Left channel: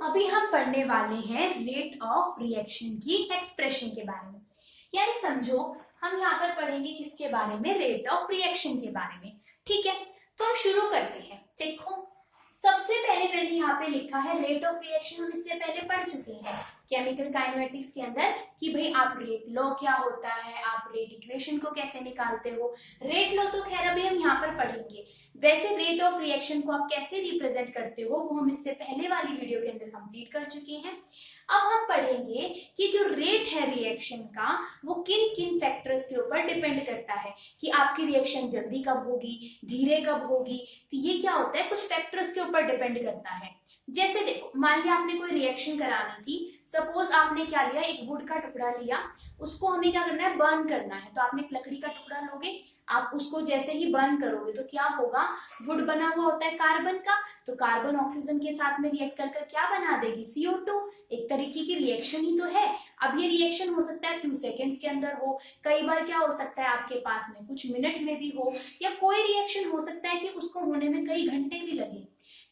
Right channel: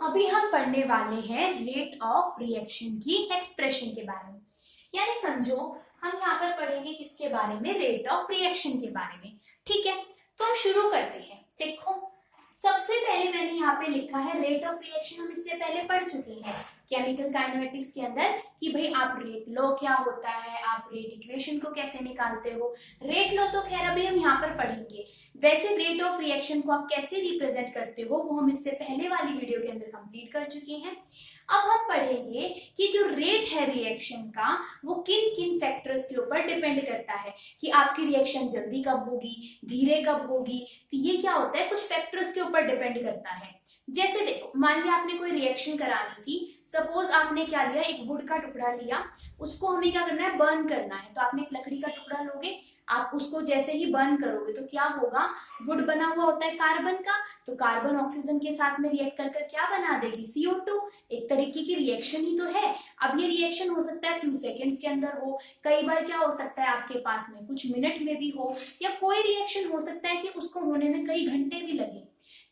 अभी हम पढ़ने वाले हैं रेट ऑफ रिएक्शन की एक्सप्रेशन के बारे में। यानी समझो हम यहाँ पर पढ़ेंगे किसके बारे में, रेट ऑफ रिएक्शन के बारे में। ठीक है, तो हम शुरू करते हैं। देखो सबसे पहले मैंने यहाँ पे लिखा है रेट ऑफ रिएक्शन। हम इससे पहले पढ़ चुके हैं केमिकल काइनेमेटिक्स के अंदर कि भाई आप रेट लो क्या होता है, आप रेट इक्वेशन को कैसे निकालते हो। रेट लो तो खैर अभी हम यहाँ पर पढ़ेंगे, वैसे रेट ऑफ रिएक्शन को आप कैसे रिप्रेजेंट करते हो वो हम इससे पहले वाली वीडियो के अंदर कंप्लीट कर चुके हैं। अब हम पढ़ेंगे कि जो रेट है रिएक्शन का वो किन किन फैक्टर्स के ऊपर डिपेंड करता है कि आपकी रिएक्शन जल्दी कब होगी, धीरे कब होगी। तो ये क्या होता है, कुछ फैक्टर्स के ऊपर डिपेंड करता है। जैसे देखो मान लिया आपने कोई रिएक्शन करानी थी, सपोज आपने क्या लिया, एक वुड का टुकड़ा लिया, उसको हमें क्या करना है, बर्न करना है। तो आपने एक लकड़ी का टुकड़ा लोगे, आप उसको जैसे ही बर्न करोगे तो क्या होगा, वुड बना हुआ होता है कार्बन का, तो कार्बन ऑक्सीजन के साथ में रिएक्ट कर क्या बना देगी, CO2। एक तरीके की रिएक्शन ही तो है। अब ये रिएक्शन हो सकता है फ्यू सेकेंड्स के अंदर हो, कई बार क्या हो सकता है आपके पास में कुछ मिनट में भी हो, या कोई रिएक्शन हो सकता है कि उसको होने में कई घंटे भी लगे।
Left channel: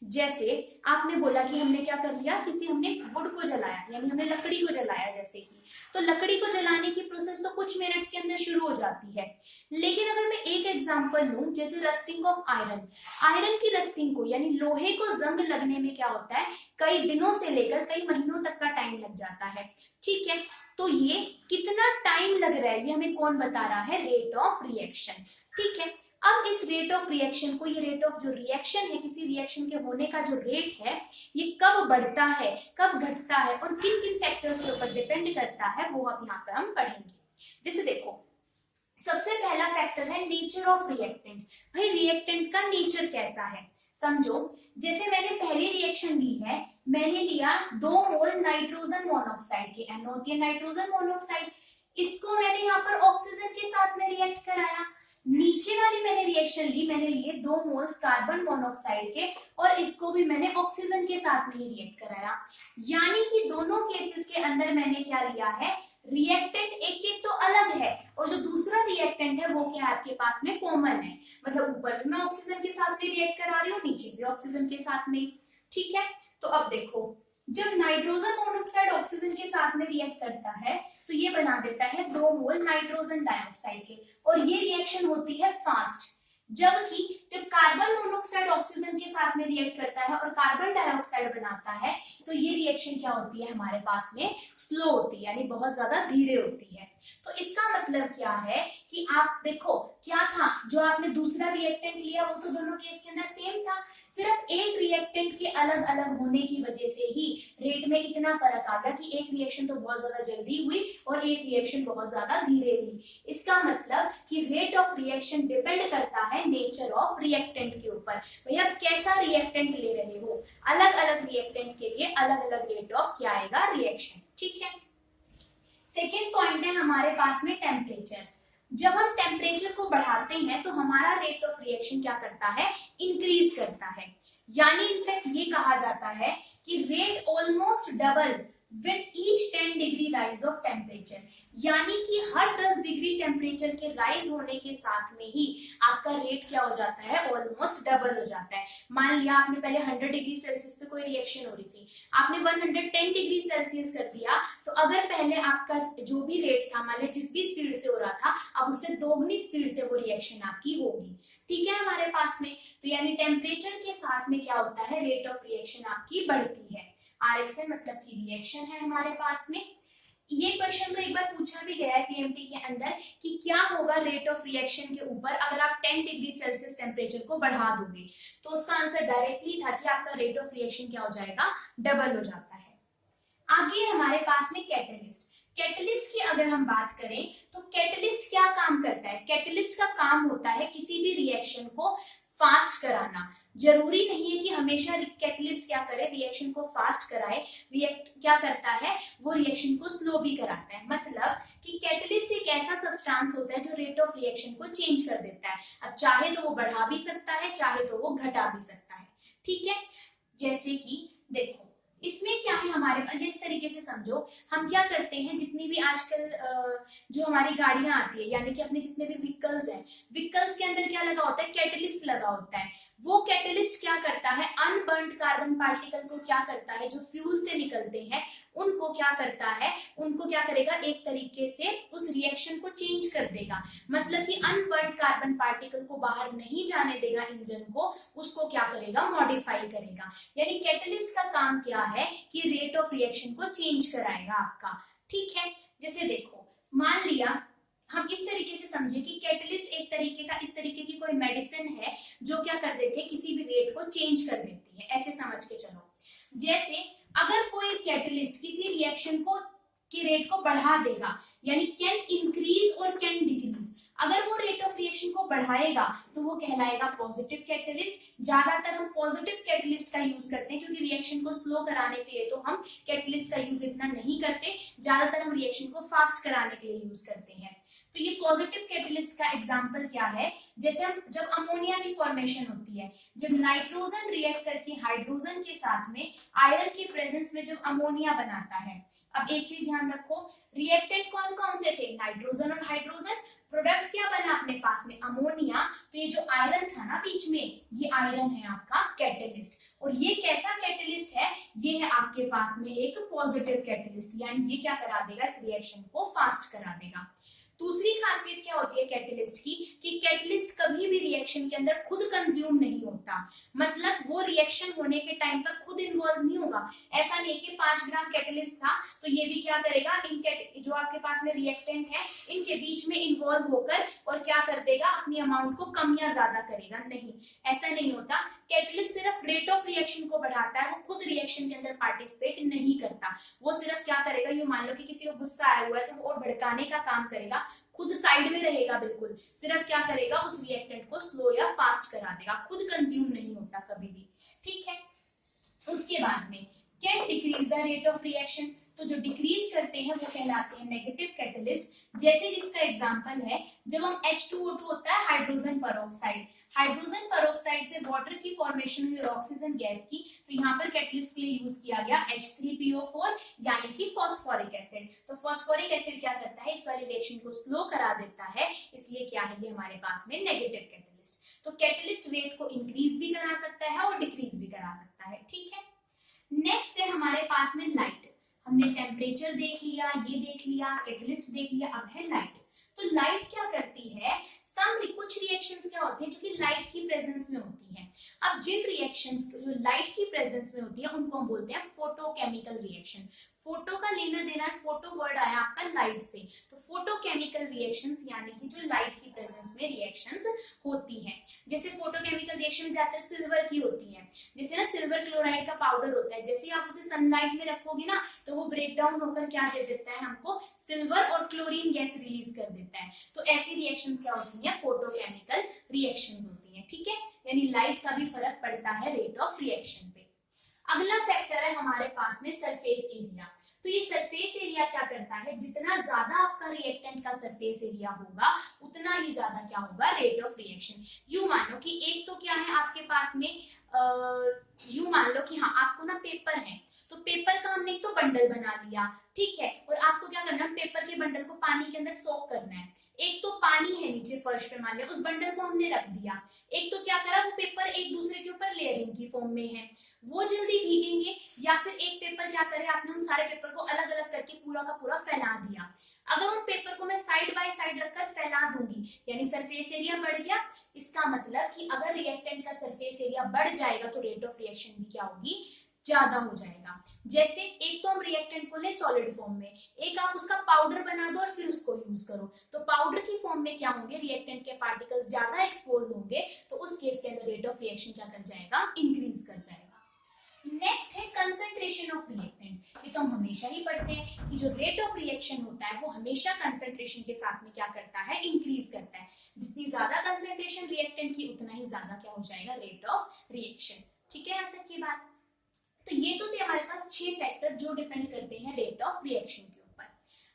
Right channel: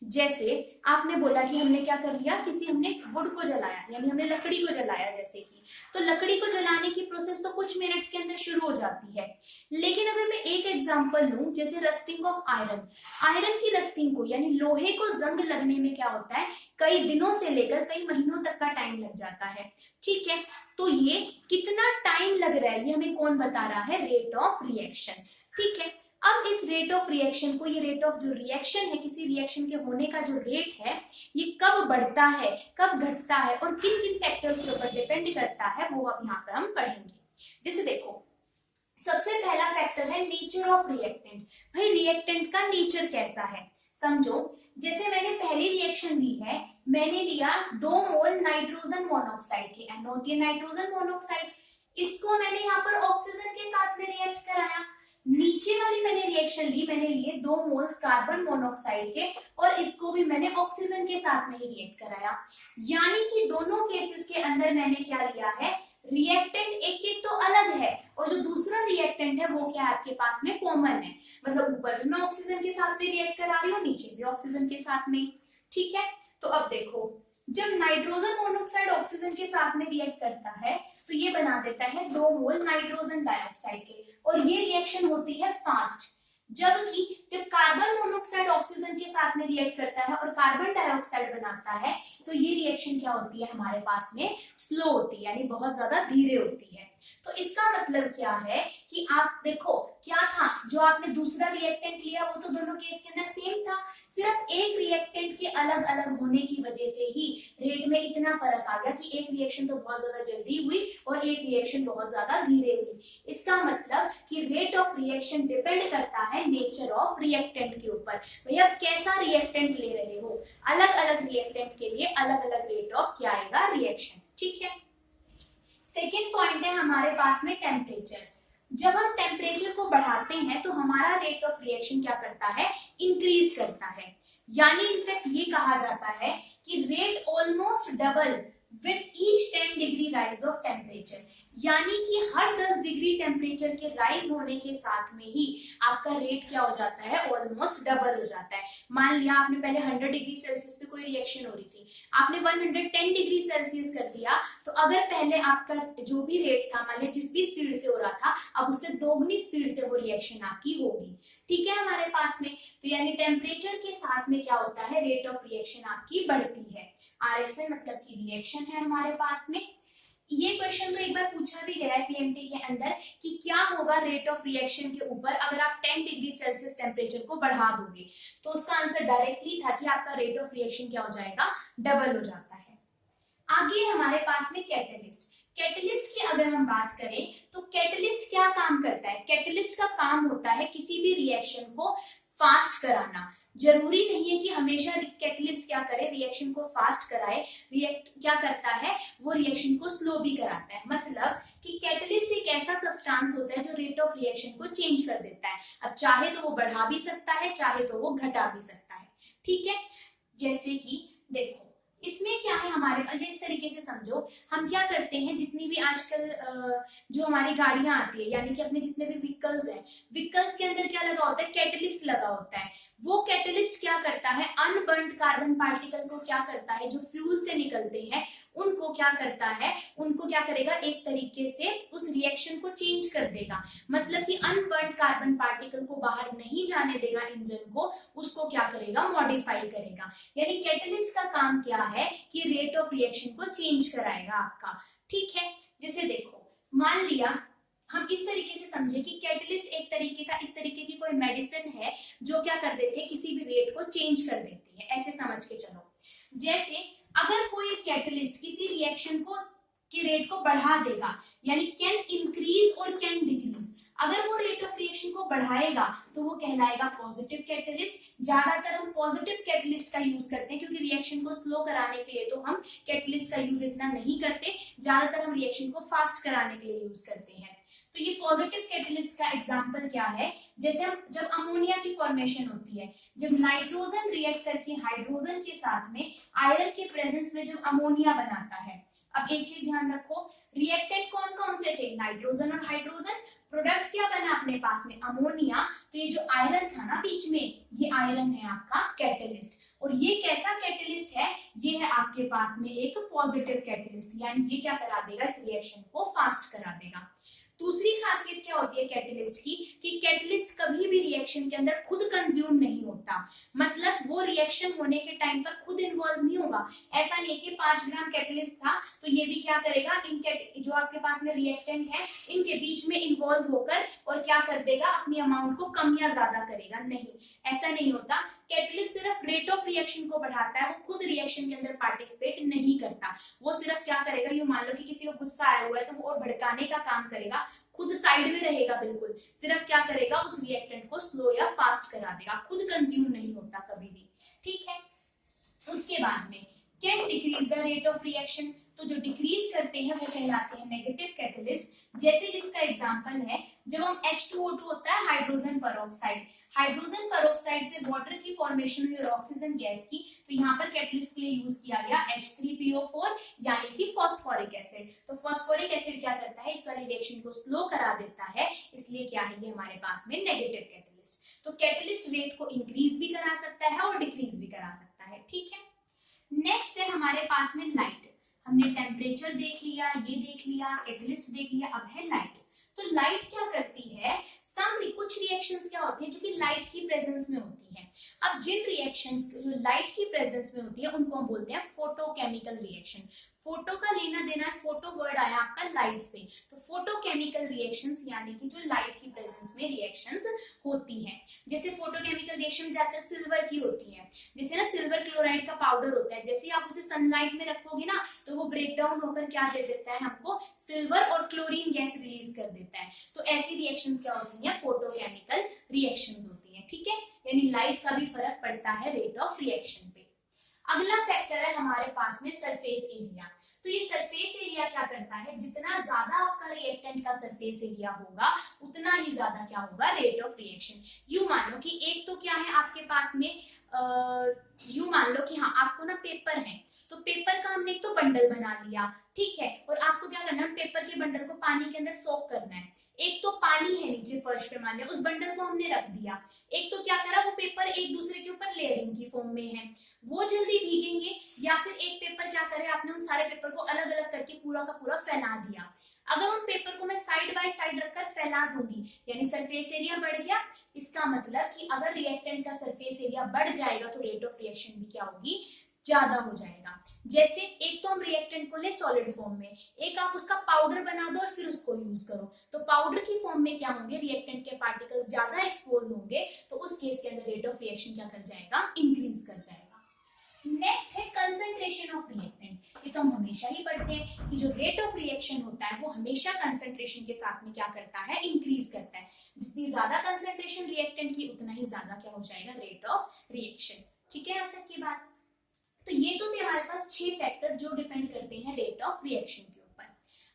जैसे आपने बोला कि हमने क्या कर लिया, हमने वुड को जलाया, यानी हमने लकड़ी को जलाया जैसे कि, तो लकड़ी को जलाने की प्रोसेस तो कुछ मिनट्स के अंदर शुरू हो जाती है। लेकिन अगर मैं एक एग्जांपल लूं, जैसे रस्टिंग ऑफ आयरन, आयरन की रस्टिंग को यानी लोहे को जंग लगने में क्या होता है, कई दिनों से लेकर कई महीनों तक का टाइम लग जाता है। ठीक है, तो ये कितना टाइम लग रहा है ये हमें कौन बता रहा है, रेट ऑफ रिएक्शन। ठीक है, अब इस रेट ऑफ रिएक्शन को, ये रेट ऑफ जो रिएक्शन है, किसी रिएक्शन के होने का जो रेट है, ये कब बढ़ता है कब घटता है और किन किन फैक्टर्स के ऊपर डिपेंड करता है वो अब यहाँ पे हम पढ़ेंगे। जैसे देखो सबसे पहला फैक्टर है नेचर ऑफ रिएक्टेंट। भाई रिएक्टेंट का नेचर कैसा है, समझो जैसे मैंने पहली रिएक्शन ली है, मैंने लिया 2 मोल नाइट्रोजन मोनोऑक्साइड के, NO होती है नाइट्रोजन मोनोऑक्साइड, इसको मैंने यहाँ पर ऑक्सीजन के साथ में रिएक्ट कराया। नीचे वाली मैंने रिएक्शन ली, मैंने लिए 2 मोल्स कार्बन मोनोऑक्साइड के और इसको भी मैंने ऑक्सीजन के साथ में ही रिएक्ट कराया। यानी कि दोनों केसेस के अंदर मैंने क्या लिया है, रिएक्टेंट एक एक तो अलग है और जो दूसरा रिएक्टेंट है वो क्या है आपके पास में कॉमन है। मतलब ऊपर भी मैं ऑक्सीजन के साथ में रिएक्ट करा रही हूँ, नीचे भी ऑक्सीजन के साथ में। ठीक है, तो अब देखो जब नाइट्रोजन मोनोऑक्साइड ऑक्सीजन के साथ में रिएक्ट करता है तो ये बना देता है 2 मोल नाइट्रोजन डाइऑक्साइड के, और ये रिएक्शन होती है फास्ट। जबकि जब कार्बन मोनोऑक्साइड ऑक्सीजन के साथ में रिएक्ट करता है और कार्बन डाइऑक्साइड बनाता है तो ये रिएक्शन क्या होती है हमारे पास में, स्लो होती है, यानी बहुत ज्यादा धीरे होती है। तो इसका मतलब क्या है कि आप देखो क्या था, जो आपने दूसरा रिएक्टेंट लिया वो तो दोनों केस के अंदर सेम था, सिर्फ एक रिएक्टेंट के अलग अलग होने की वजह से ही रेट में इतना फर्क आ गया कि एक रिएक्शन तो बहुत ज्यादा जल्दी हुई और एक रिएक्शन बहुत ज्यादा धीरे हुई। इसका मतलब कि रेट ऑफ रिएक्शन डिपेंड करता है नेचर ऑफ रिएक्टेंट के ऊपर। भैया आप कैसा रिएक्टेंट ले रहे हो, अलग अलग रिएक्टेंट के लिए अलग अलग रेट ऑफ क्या आएगा, रिएक्शन। ठीक है, सेकेंड पॉइंट है हमारे पास में टेम्परेचर। जब हम टेम्परेचर को बढ़ाते हैं तो हमारा रेट ऑफ रिएक्शन क्या करता है, इंक्रीज करता है। यानी इनफैक्ट ये कहा जाता है कि rate almost double with each 10 degree rise of temperature. यानी कि हर 10 डिग्री टेम्परेचर के राइज होने के साथ में ही आपका रेट क्या हो जाता है, ऑलमोस्ट डबल हो जाता है। मान लिया आपने पहले 100 डिग्री सेल्सियस पे कोई रिएक्शन हो रही थी, आपने 110 डिग्री सेल्सियस कर दिया, तो अगर पहले आपका जो भी रेट था, मान लिया जिस भी स्पीड से हो रहा था, अब उससे दोगुनी स्पीड से वो रिएक्शन आपकी होगी। ठीक है हमारे पास में, तो यानी टेम्परेचर के साथ में क्या होता है, रेट ऑफ रिएक्शन आपकी बढ़ती है। RSN मतलब की रिएक्शन है हमारे पास में। ये क्वेश्चन तो एक बार पूछा भी गया है PMT के अंदर कि क्या होगा रेट ऑफ रिएक्शन के ऊपर अगर आप 10 डिग्री सेल्सियस टेम्परेचर को बढ़ा दोगे, तो उसका आंसर डायरेक्टली था कि आपका रेट ऑफ रिएक्शन क्या हो जाएगा, डबल हो जाता है। आगे हमारे पास में कैटलिस्ट। कैटलिस्ट की अगर हम बात करें तो कैटलिस्ट क्या काम करता है, कैटलिस्ट का काम होता है किसी भी रिएक्शन को फास्ट कराना। जरूरी नहीं है कि हमेशा कैटलिस्ट क्या करे, रिएक्शन को फास्ट कराए, रिएक्ट क्या करता है वो रिएक्शन को स्लो भी कराता है। मतलब कि कैटलिस्ट एक ऐसा सब्सटेंस होता है जो रेट ऑफ रिएक्शन को चेंज कर देता है। अब चाहे तो वो बढ़ा भी सकता है, चाहे तो वो घटा भी सकता है। ठीक है, जैसे कि देखो इसमें क्या है हमारे पास, इस तरीके से समझो, हम क्या करते हैं, जितनी भी आजकल जो हमारी गाड़ियां आती है, यानी कि अपने जितने भी व्हीकल्स हैं, व्हीकल्स के अंदर क्या लगा होता है, कैटलिस्ट लगा होता है। वो कैटलिस्ट क्या करता है, अनबर्न्ड कार्बन पार्टिकल को क्या करता है, जो फ्यूल से निकलते हैं उनको क्या करता है, उनको क्या करेगा, एक तरीके से उस रिएक्शन को चेंज कर देगा। मतलब कि अनबर्न्ड कार्बन पार्टिकल को बाहर नहीं जाने देगा इंजन को, उसको क्या करेगा, मॉडिफाई करेगा। यानी कैटलिस्ट का काम क्या है कि रेट ऑफ रिएक्शन को चेंज कराएगा आपका। ठीक है, जैसे देखो मान लिया हम इस तरीके से समझे कि कैटलिस्ट एक तरीके का, इस तरीके की कोई मेडिसिन है जो क्या कर देती है, किसी भी रेट को चेंज कर देती है, ऐसे समझ के चलो। जैसे अगर कोई कैटलिस्ट किसी रिएक्शन को की रेट को बढ़ा देगा, यानी कैन इंक्रीज और कैन डिक्रीज, अगर वो रेट ऑफ रिएक्शन को बढ़ाएगा तो वो कहलाएगा पॉजिटिव कैटलिस्ट। ज्यादातर हम पॉजिटिव कैटलिस्ट का यूज करते हैं क्योंकि रिएक्शन को स्लो कराने के लिए तो हम कैटलिस्ट का यूज इतना नहीं करते, ज्यादातर हम रिएक्शन को फास्ट कराने के लिए यूज करते हैं। तो ये पॉजिटिव कैटलिस्ट का एग्जांपल क्या है, जैसे हम जब अमोनिया की फॉर्मेशन होती है, जब नाइट्रोजन रिएक्ट करके हाइड्रोजन के साथ में आयरन के प्रेजेंस में जब अमोनिया बनाता है। अब एक चीज ध्यान रखो, रिएक्टेंट कौन कौन से थे, नाइट्रोजन और हाइड्रोजन, प्रोडक्ट क्या बना अपने पास में, अमोनिया। तो ये जो आयरन था ना बीच में, ये आयरन है आपका कैटलिस्ट। और ये कैसा कैटलिस्ट है, ये है आपके पास में एक पॉजिटिव कैटलिस्ट, यानी ये क्या करा देगा, इस रिएक्शन को फास्ट करा देगा। दूसरी खासियत क्या होती है कैटलिस्ट की, कि कैटलिस्ट कभी भी रिएक्शन के अंदर खुद कंज्यूम नहीं होता, मतलब वो रिएक्शन होने के टाइम पर खुद इन्वॉल्व नहीं होगा। ऐसा नहीं कि 5 ग्राम कैटलिस्ट था तो ये भी क्या करेगा, इन जो आपके पास में रिएक्टेंट है इनके बीच में इन्वॉल्व होकर और क्या कर देगा, अपनी अमाउंट को कम या ज्यादा करेगा, नहीं, ऐसा नहीं होता। कैटलिस्ट सिर्फ रेट ऑफ रिएक्शन को बढ़ाता है, वो खुद रिएक्शन के अंदर पार्टिसिपेट नहीं करता। वो सिर्फ क्या करेगा, ये मान लो कि किसी को गुस्सा आया हुआ है तो वो और भड़काने का काम करेगा, खुद साइड में रहेगा, बिल्कुल सिर्फ क्या करेगा, उस रिएक्टेंट को स्लो या फास्ट करा देगा, खुद कंज्यूम नहीं होता कभी भी। ठीक है, उसके बाद में can decrease the rate of reaction, तो जो डिक्रीज करते हैं वो कहलाते हैं नेगेटिव कैटलिस्ट। जैसे इसका एग्जांपल है, जब हम H2O2 होता है हाइड्रोजन पेरोक्साइड, हाइड्रोजन पेरोक्साइड से वाटर की फॉर्मेशन हुई और ऑक्सीजन गैस की, तो यहाँ पर कैटलिस्ट के लिए यूज किया गया H3PO4 यानी कि फॉस्फोरिक एसिड। तो फॉस्फोरिक एसिड क्या करता है, इस वाली रिएक्शन को स्लो करा देता है, इसलिए क्या है ये हमारे पास में नेगेटिव कैटलिस्ट। तो कैटलिस्ट रेट को इंक्रीज भी करा सकता है और डिक्रीज भी करा सकता है। ठीक है, नेक्स्ट है हमारे पास में लाइट। हमने टेम्परेचर देख लिया, ये देख लिया, कैटलिस्ट देख लिया, अब है लाइट। तो लाइट क्या करती है, कुछ रिएक्शंस क्या होती है जो कि लाइट की प्रेजेंस में होती है। अब जिन रिएक्शंस जो लाइट की प्रेजेंस में होती है उनको हम बोलते हैं फोटोकेमिकल रिएक्शन। फोटो का लेना देना है, फोटो वर्ड आया आपका लाइट से, तो फोटोकेमिकल रिएक्शंस यानी कि जो लाइट की प्रेजेंस में रिएक्शंस होती हैं। जैसे फोटोकेमिकल रिएक्शन ज्यादातर सिल्वर की होती है, जैसे ना सिल्वर क्लोराइड का पाउडर होता है, जैसे आप उसे सनलाइट में रखोगे ना तो वो ब्रेक डाउन होकर क्या दे देता है हमको, सिल्वर और क्लोरीन गैस रिलीज कर देता है। तो ऐसी रिएक्शंस क्या होती है, फोटोकेमिकल रिएक्शंस होती है। ठीक है, यानी लाइट का भी फर्क पड़ता है रेट ऑफ रिएक्शन पे। अगला फैक्टर है हमारे पास में सरफेस एरिया। तो ये सरफेस एरिया क्या करता है, जितना ज्यादा आपका रिएक्टेंट का सरफेस एरिया होगा उतना ही ज्यादा क्या होगा, रेट ऑफ रिएक्शन। यूं मान लो कि एक तो क्या है आपके पास में, यूं मान लो कि हाँ आपको ना पेपर है, तो पेपर का हमने एक तो बंडल बना लिया, ठीक है, और आपको क्या करना है, पेपर के बंडल को पानी के अंदर सोक करना है। एक तो पानी है नीचे फर्श पे, मान लिया उस बंडल को हमने रख दिया, एक तो क्या करा, वो पेपर एक दूसरे के ऊपर लेयरिंग की फॉर्म में है, वो जल्दी भीगेंगे, या फिर एक पेपर क्या करे, आपने उन सारे पेपर को अलग अलग करके पूरा का पूरा फैला दिया। अगर उन पेपर को मैं साइड बाय साइड रखकर फैला दूंगी, यानी सरफेस एरिया बढ़ गया। इसका मतलब कि अगर रिएक्टेंट का सरफेस एरिया बढ़ जाएगा तो रेट ऑफ रिएक्शन भी क्या होगी, ज्यादा हो जाएगा। जैसे एक तो हम रिएक्टेंट को ले सॉलिड फॉर्म में, एक आप उसका पाउडर बना दो और फिर उसको यूज करो, तो पाउडर की फॉर्म में क्या होंगे, रिएक्टेंट के पार्टिकल्स ज्यादा एक्सपोज होंगे, तो उस केस के अंदर रेट ऑफ रिएक्शन क्या कर जाएगा, इंक्रीज कर जाएगा। नेक्स्ट है कंसंट्रेशन ऑफ रिएक्टेंट। ये तो हम हमेशा ही पढ़ते हैं कि जो रेट ऑफ रिएक्शन होता है वो हमेशा कंसंट्रेशन के साथ में क्या करता है, इंक्रीज करता है। जितनी ज्यादा कंसंट्रेशन रिएक्टेंट की उतना ही ज्यादा क्या हो जाएगा, रेट ऑफ रिएक्शन। ठीक है, यहाँ तक की बात। तो ये तो थे हमारे पास 6 फैक्टर जो डिपेंड करते हैं रेट ऑफ रिएक्शन के ऊपर।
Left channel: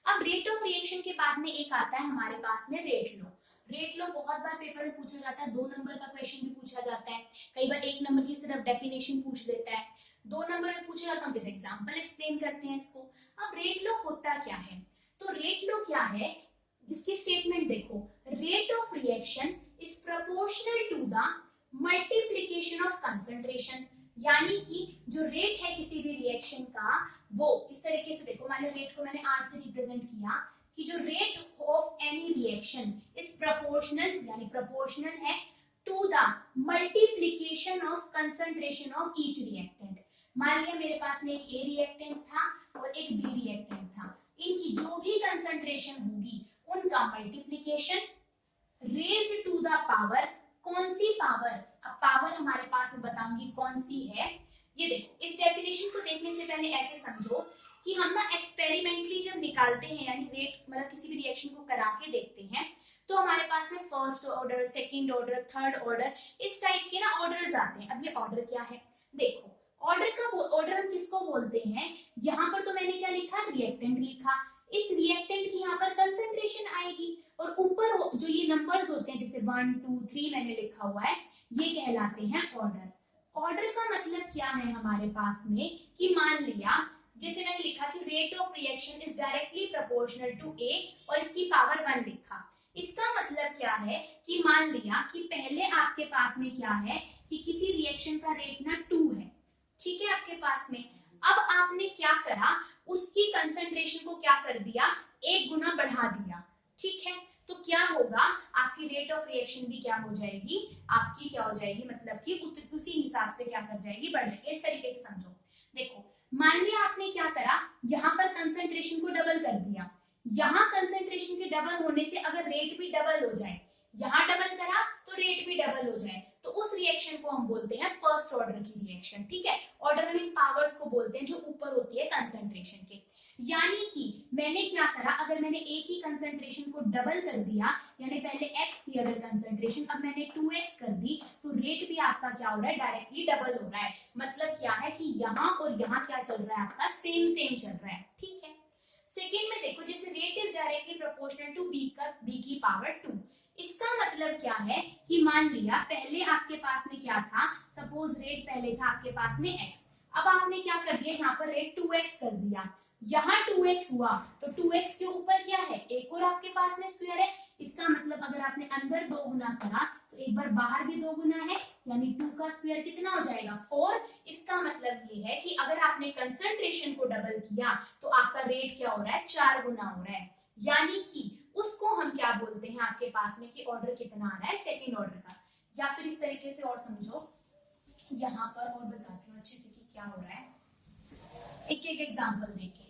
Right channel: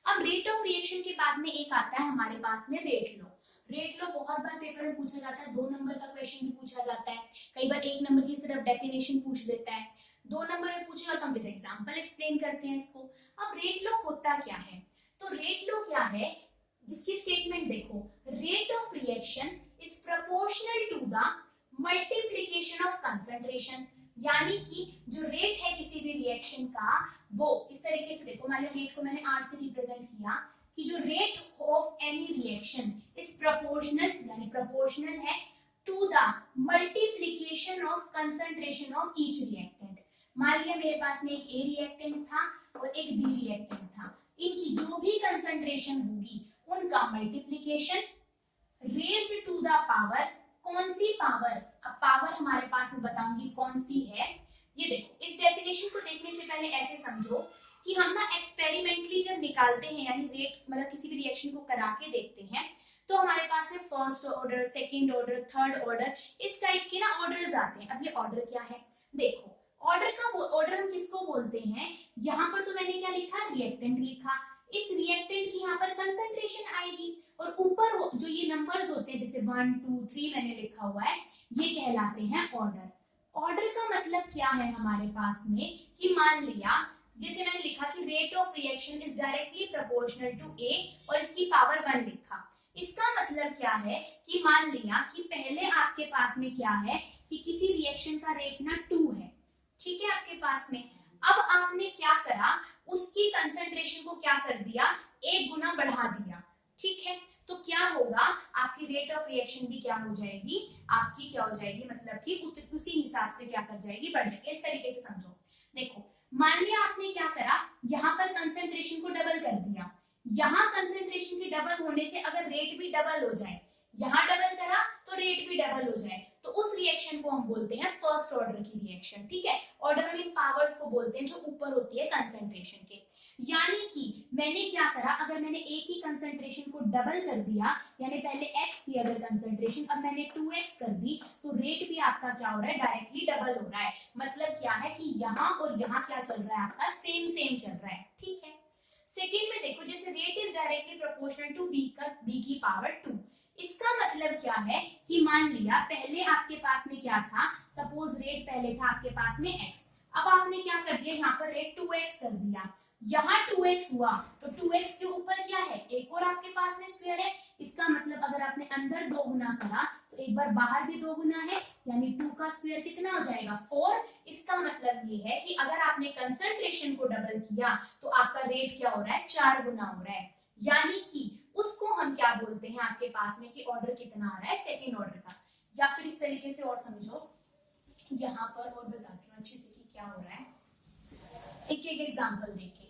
अब रेट ऑफ रिएक्शन के बाद में एक आता है हमारे पास में रेट लॉ। रेट लॉ बहुत बार पेपर में पूछा जाता है, 2 नंबर का क्वेश्चन भी पूछा जाता है, कई बार 1 नंबर की सिर्फ डेफिनेशन पूछ देता है, 2 नंबर में पूछा जाता है, विद एग्जांपल एक्सप्लेन करते हैं इसको। अब रेट लॉ होता क्या है, तो रेट लॉ क्या है, इसकी स्टेटमेंट देखो, rate of reaction is proportional to the multiplication of concentration, यानी कि जो रेट है किसी भी रिएक्शन का वो इस तरीके से देखो, मान लो रेट को मैंने आर से रिप्रेजेंट किया कि जो rate of any reaction is proportional, यानी प्रोपोर्शनल है to the multiplication of concentration of each reactant. मान लिया मेरे पास में एक ए रिएक्टेंट था और एक बी रिएक्टेंट था, इनकी जो भी कंसंट्रेशन होगी उनका multiplication raised to the power, कौन सी पावर, अब पावर हमारे पास में बताऊंगी कौन सी है। ये देखो, इस डेफिनेशन को देखने से पहले ऐसे समझो कि हम ना एक्सपेरिमेंटली जब निकालते हैं, यानी रेट मतलब किसी भी रिएक्शन को करा के देखते हैं, तो हमारे पास में first order, second order, third order, इस टाइप के ना ऑर्डर्स आते हैं। अब ये ऑर्डर क्या है, देखो ऑर्डर का ऑर्डर हम किसको बोलते हैं, यहाँ पर तो मैंने क्या लिखा, रिएक्टेंट लिखा, इस रिएक्टेंट की यहाँ पर कंसंट्रेशन आएगी और ऊपर जो ये नंबर्स होते हैं जैसे 1 2 3 मैंने लिखा हुआ है, ये कहलाते हैं ऑर्डर। ऑर्डर का मतलब क्या है हमारे पास में कि मान लिया जैसे मैंने लिखा कि rate of reaction is directly proportional to A और इसकी पावर 1 लिखा। इसका मतलब क्या है कि मान लिया कि पहले आपके पास में क्या है कि किसी रिएक्शन का रेट ना 2 है, ठीक है आपके पास में। अब आपने क्या करा, उसकी कंसंट्रेशन को क्या कर दिया, 1 गुना बढ़ा दिया, ठीक है। तो क्या होगा, आपकी रेट ऑफ रिएक्शन भी क्या हो जाएगी, आपकी क्या हो जाएगी, मतलब कि उसी हिसाब से क्या कर जाएगी, बढ़ जाएगी। इस तरीके से समझो, देखो मान लिया आपने क्या करा, यहाँ पर कंसंट्रेशन को डबल कर दिया, यहाँ कंसंट्रेशन के डबल होने से अगर रेट भी डबल हो जाए, यहाँ डबल करा तो रेट भी डबल हो जाए, तो उस रिएक्शन को हम बोलते हैं फर्स्ट ऑर्डर की रिएक्शन, ठीक है। ऑर्डर हम इन पावर्स को बोलते हैं जो ऊपर होती है कंसंट्रेशन के। यानी कि मैंने क्या करा, अगर मैंने ए की कंसंट्रेशन को डबल कर दिया, यानी पहले एक्स थी अगर कंसंट्रेशन, अब मैंने 2x कर दी, तो रेट भी आपका क्या हो रहा है, डायरेक्टली डबल हो रहा है। मतलब क्या है कि यहाँ और यहाँ क्या चल रहा है, आपका सेम सेम चल रहा है, ठीक है। सेकेंड में देखो, जैसे rate is directly proportional to B की पावर 2, इसका मतलब क्या है कि मान लिया पहले आपके पास में क्या था, सपोज रेट पहले था आपके पास में x, अब आपने क्या कर दिया, यहाँ पर रेट 2x कर दिया, यहाँ 2x हुआ तो 2x के ऊपर क्या है, एक और आपके पास में स्क्वायर है। इसका मतलब अगर आपने अंदर 2 गुना करा तो एक बार बाहर भी 2 गुना है, यानी 2 का स्क्वायर कितना हो जाएगा, 4। इसका मतलब ये है कि अगर आपने कंसंट्रेशन को डबल किया तो आपका रेट क्या हो रहा है, 4 गुना हो रहा है। यानी कि उसको हम क्या बोलते हैं आपके पास में कि ऑर्डर कितना आ रहा है, सेकेंड ऑर्डर का। या फिर इस तरीके से और समझो, यहाँ पर और बताती हूँ अच्छे से कि क्या हो रहा है, एक एक एग्जाम्पल देखें।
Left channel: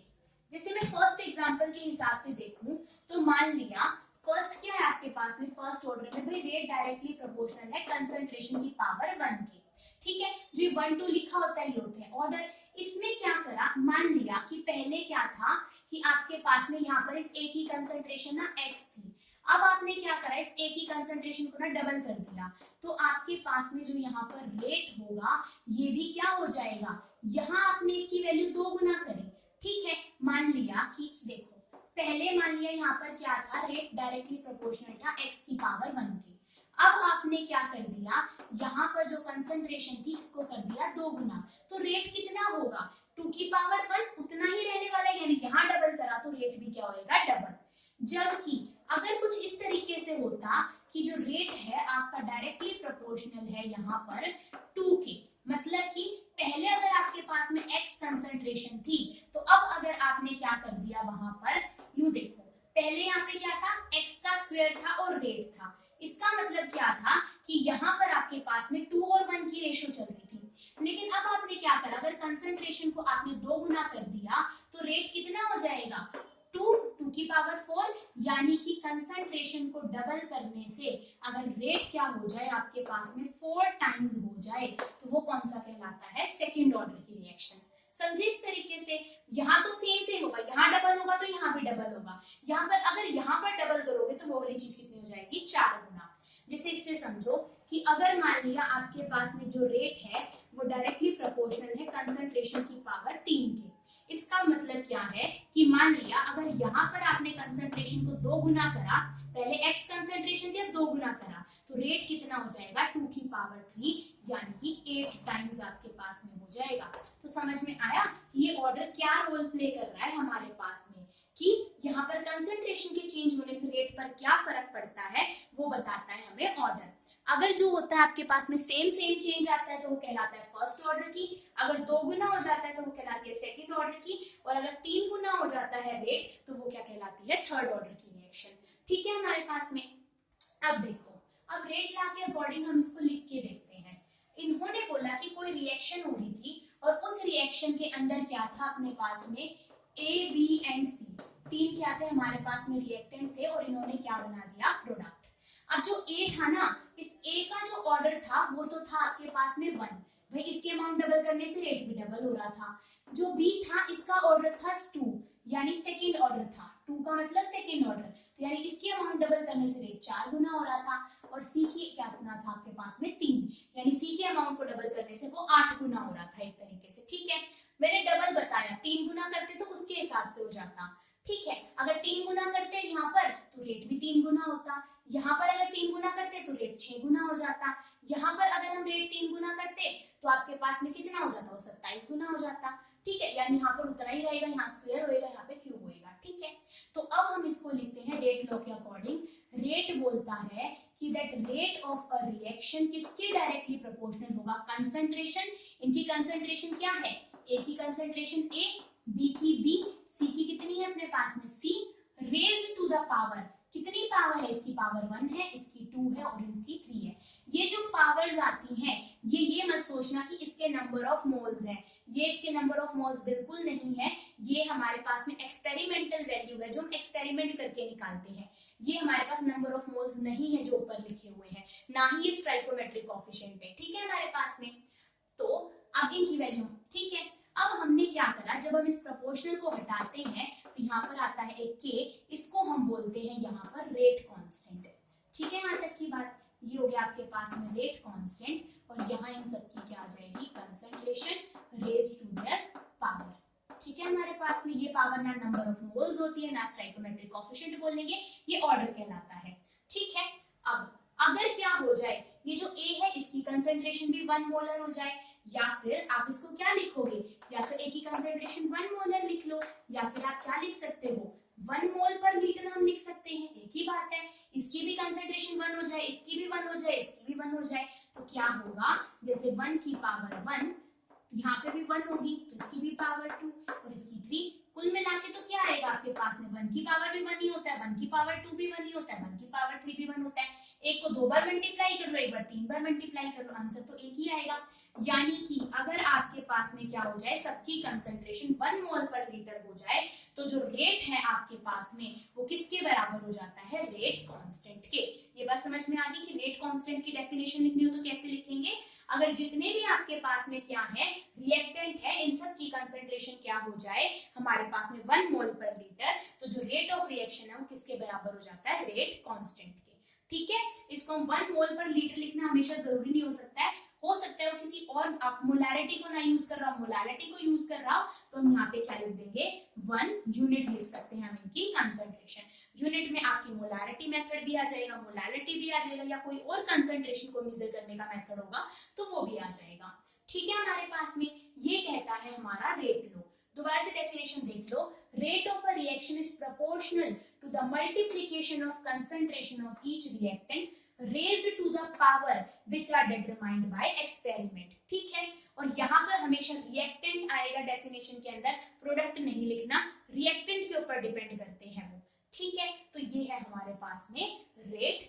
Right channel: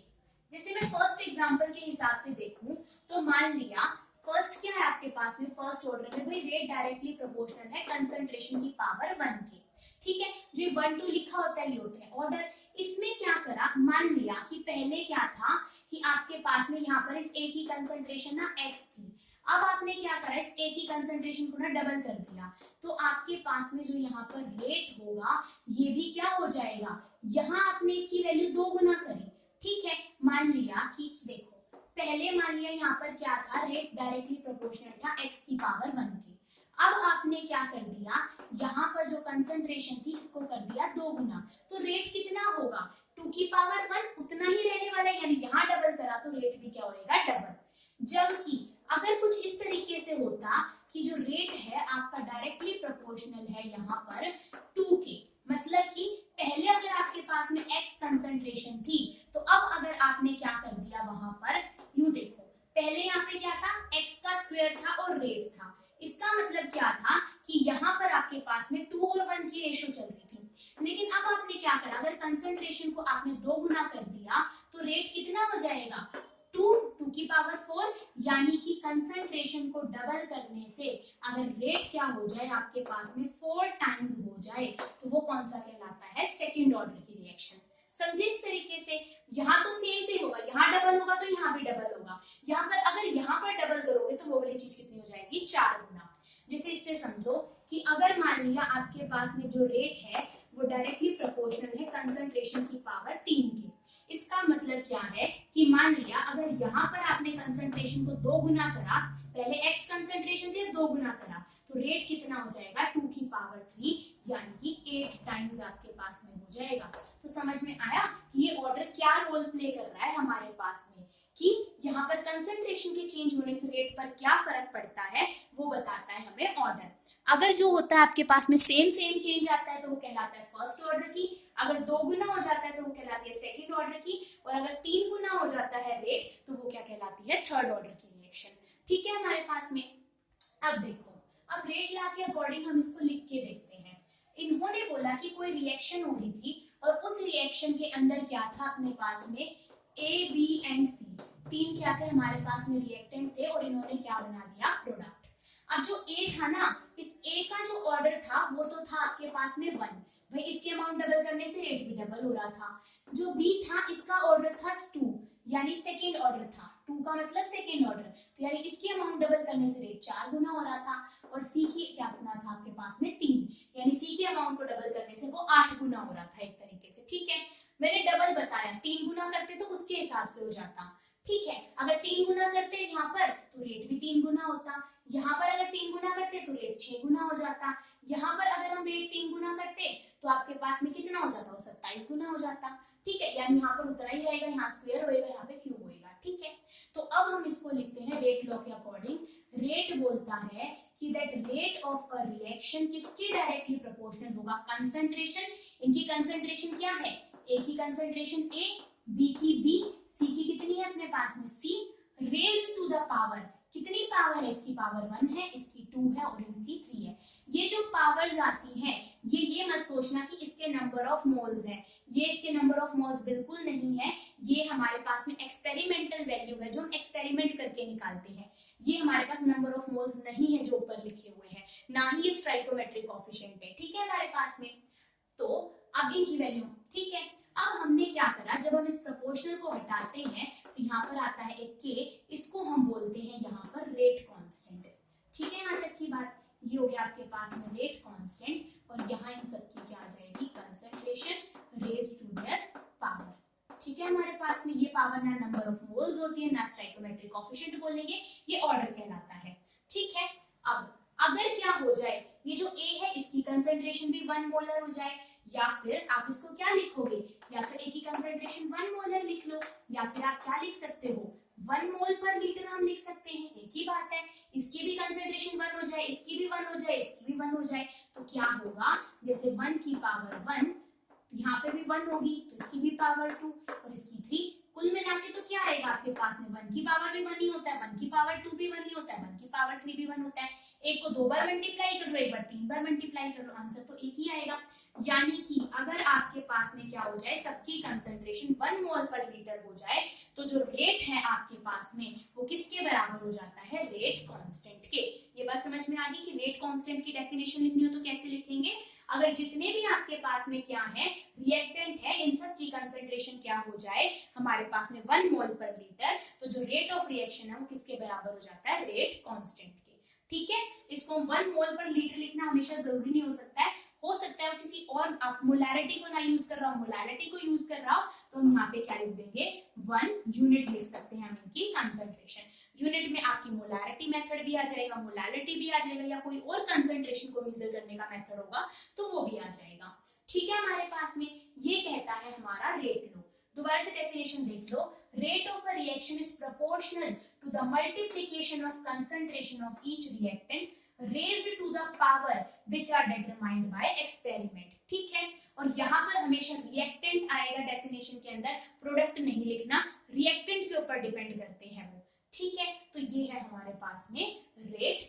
जैसे मैं फर्स्ट एग्जाम्पल के हिसाब से देखूं तो मान लिया फर्स्ट क्या है आपके पास में, फर्स्ट ऑर्डर में भाई रेट डायरेक्टली प्रोपोर्शनल है कंसंट्रेशन की पावर 1 के, ठीक है। जो 1 2 लिखा होता है ये होते हैं ऑर्डर। इसमें क्या करा, मान लिया कि पहले क्या था कि आपके पास में यहाँ पर इस ए की कंसंट्रेशन ना x थी, अब आपने क्या करा, इस ए की कंसंट्रेशन को ना डबल कर दिया, तो आपके पास में जो यहाँ पर रेट होगा ये भी क्या हो जाएगा, यहाँ आपने इसकी वैल्यू 2 गुना करी, ठीक है। मान लिया कि देखो पहले मान लिया यहाँ पर क्या था, रेट डायरेक्टली प्रोपोर्शनल था x की पावर 1 की। अब आपने क्या कर दिया, यहाँ पर जो कंसंट्रेशन थी इसको कर दिया 2 गुना, तो रेट कितना होगा, 2 की पावर 1 उतना ही रहने वाला है, यानी यहाँ डबल करा तो रेट भी क्या होएगा, डबल। जबकि अगर कुछ इस तरीके से होता कि जो रेट है आपका डायरेक्टली प्रोपोर्शनल है यहाँ पर 2 के, मतलब कि पहले अगर आपके पास में x कंसंट्रेशन थी, तो अब अगर आपने क्या कर दिया वहां पर, यूं देखो पहले यहाँ पे क्या था, x का स्क्वायर था और रेट था। इसका मतलब क्या था कि यहाँ पर आपके पास में 2 और 1 की रेशियो चल रही थी, लेकिन अब आपने क्या करा, अगर कंसंट्रेशन को आपने 2 गुना कर दिया तो रेट कितना हो जाएगा, 2 की पावर 4, यानी कि कंसंट्रेशन को डबल करने से अगर रेट क्या हो जाए आपके पास में 4 टाइम्स हो जाए तो वो कौन सा कहलाता है, सेकेंड ऑर्डर की रिएक्शन। समझे इस तरीके से, यहाँ तो सेम सेम होगा, यहाँ डबल होगा तो यहाँ भी डबल होगा, यहाँ पर अगर यहाँ पर डबल करोगे तो वो वाली चीज कितनी हो जाएगी, 4 गुना। जैसे इससे समझो कि अगर मान लिया आपके पास में जो रेट है वो डायरेक्टली प्रोपोर्शनल है कंसंट्रेशन की पावर 3 के। इसका मतलब क्या है कि मान लिया अगर यहाँ पर आपने कंसंट्रेशन को 2 गुना करा, पहले x कंसंट्रेशन थी 2 गुना करा, तो रेट कितना हो जाएगा, 2 की पावर 3, यानी कि 8 टाइम्स आपके पास में हो जाएगा। तो समझ में आया कि ये ऑर्डर क्या रोल प्ले कर रहा है हमारे पास में, कि यहाँ पर कंसंट्रेशन के चेंज होने से रेट पर क्या फर्क पड़ता है, वो बताता है हमें ऑर्डर। अगर जो होता है आपके पास में सेम चेंज आता है तो वो कहलाता है फर्स्ट ऑर्डर की, अगर 2 गुना हो जाता है तो वो कहलाती है सेकंड ऑर्डर की, और अगर 3 गुना हो जाता है रेट तो वो क्या कहलाती है, थर्ड ऑर्डर की रिएक्शन। ठीक है हमारे पास में। अब देखो, अब रेट लॉ के अकॉर्डिंग हम इसको लिख के देखते हैं। इन्होंने बोला कि कोई रिएक्शन हो रही थी और उस रिएक्शन के अंदर क्या था अपने पास में, ए बी एंड सी, 3 क्या थे हमारे पास में, रिएक्टेंट थे, और इन्होंने क्या बना दिया, प्रोडक्ट। अब जो ए था ना, इस ए का जो ऑर्डर था वो तो था आपके पास में 1, भाई इसके अमाउंट डबल करने से रेट भी डबल हो रहा था। जो बी था इसका ऑर्डर था 2, यानी सेकेंड ऑर्डर था, 2 का मतलब सेकेंड ऑर्डर, तो यानी इसकी अमाउंट डबल करने से रेट 4 गुना हो रहा था। और सी की क्या गुना था आपके पास में, 3, यानी सी के अमाउंट को डबल करने से वो 8 गुना हो रहा था एक तरीके से। ठीक है, मैंने डबल बताया, 3 गुना करते तो उसके हिसाब से हो जाता। ठीक है, अगर 3 गुना करते यहाँ पर तो रेट भी 3 गुना होता, यहाँ पर अगर 3 गुना करते तो रेट 6 गुना हो जाता, यहाँ पर अगर हम रेट 3 गुना करते तो आपके पास में कितना हो जाता, वो 27 गुना हो जाता। ठीक है, यानी यहाँ पर उतना ही रहेगा, यहाँ स्क्वायर होएगा, यहाँ पे क्यूब होएगा। ठीक है, तो अब हम इसको लिखते हैं रेट लॉ के अकॉर्डिंग। रेट बोलता है कि that rate of a reaction किसके डायरेक्टली प्रोपोर्शनल होगा, कंसंट्रेशन, इनकी कंसंट्रेशन क्या है, ए की कंसंट्रेशन ए, बी की बी, सी की कितनी है अपने पास में सी, रेज टू द पावर, कितनी पावर है, इसकी पावर 1 है, इसकी 2 है और इसकी 3 है। ये जो पावर्स आती हैं, ये मत सोचना कि इसके नंबर ऑफ मोल्स हैं, ये इसके नंबर ऑफ मोल्स बिल्कुल नहीं है, ये हमारे पास में एक्सपेरिमेंटल वैल्यू है जो हम एक्सपेरिमेंट करके निकालते हैं। ये हमारे पास नंबर ऑफ मोल्स नहीं है जो ऊपर लिखे हुए हैं, ना ही ये स्टोइकोमेट्रिक कोएफिशिएंट है। ठीक है हमारे पास में, तो अब इनकी वैल्यू, ठीक है, अब हमने क्या करा, जब हम इस प्रोपोर्शनल को हटाते हैं तो यहाँ पर आता है एक के, इसको हम बोलते हैं यहाँ पर रेट कांस्टेंट। ठीक है, यहाँ तक की बात, ये हो गया आपके पास में रेट कांस्टेंट, और यहाँ इन सब की क्या आ जाएगी, concentration raise to their power. ठीक है, हमारे पास में ये पावर ना नंबर ऑफ मोल्स होती है, ना स्टोइकोमेट्रिक कोएफिशिएंट बोलेंगे, ये ऑर्डर कहलाता है। ठीक है, अब अगर क्या हो जाए, ये जो ए है इसकी कंसंट्रेशन भी 1 मोलर हो जाए, या फिर आप इसको क्या लिखोगे, या तो ए की कंसंट्रेशन 1 मोलर लिख लो, या फिर आप क्या लिख सकते हो, 1 मोल पर लीटर हम लिख सकते हैं, एक ही बात है। इसकी भी कंसंट्रेशन 1 हो जाए, इसकी भी 1 हो जाए, इसकी भी 1 हो जाए, तो क्या होगा, जैसे 1 की पावर 1, यहाँ पे भी 1 होगी तो इसकी भी पावर 2 और इसकी 3, कुल मिला के तो क्या आएगा आपके पास में, 1 की पावर भी 1 ही होता है, 1 की पावर 2 भी 1 ही होता है, 1 की पावर 3 भी 1 होता है। एक को 2 बार मल्टीप्लाई कर लो, एक बार 3 बार मल्टीप्लाई कर लो, आंसर तो एक ही आएगा। यानी कि अगर आपके पास में क्या हो जाए, सबकी कंसंट्रेशन 1 मोल पर लीटर हो जाए, तो जो रेट है आपके पास में वो किसके बराबर हो जाता है, रेट कांस्टेंट के। ये बात समझ में आ गई कि रेट कांस्टेंट की डेफिनेशन लिखनी हो तो कैसे लिखेंगे, अगर जितने भी आपके पास में क्या है, रिएक्टेंट है, इन सब की कंसंट्रेशन क्या हो जाए हमारे पास में 1 मोल पर लीटर, तो जो रेट ऑफ रिएक्शन है वो किसके बराबर हो जाता है, रेट कांस्टेंट के। ठीक है, इसको 1 मोल पर लीटर लिखना हमेशा जरूरी नहीं हो सकता है वो किसी और, आप मोलारिटी को ना यूज कर रहा हो, मोलारिटी को यूज कर रहा हो तो हम यहाँ पे क्या लिख देंगे, 1 यूनिट लिख सकते हैं हम इनकी कंसंट्रेशन। यूनिट में आपकी मोलारिटी मेथड भी आ जाएगा, मोलारिटी भी आ जाएगा, या कोई और कंसंट्रेशन को मेजर करने का मेथड होगा तो वो भी आ जाएगा। ठीक है, हमारे पास में ये कहता है हमारा रेट लो। दोबारा से डेफिनेशन देख लो, rate of a reaction is proportional to the multiplication of concentration of each reactant raised to the power which are determined by experiment. ठीक है, और यहाँ पर हमेशा रिएक्टेंट आएगा डेफिनेशन के अंदर, प्रोडक्ट नहीं लिखना, रिएक्टेंट के ऊपर डिपेंड करते हैं वो। ठीक है, तो ये है हमारे पास में रेट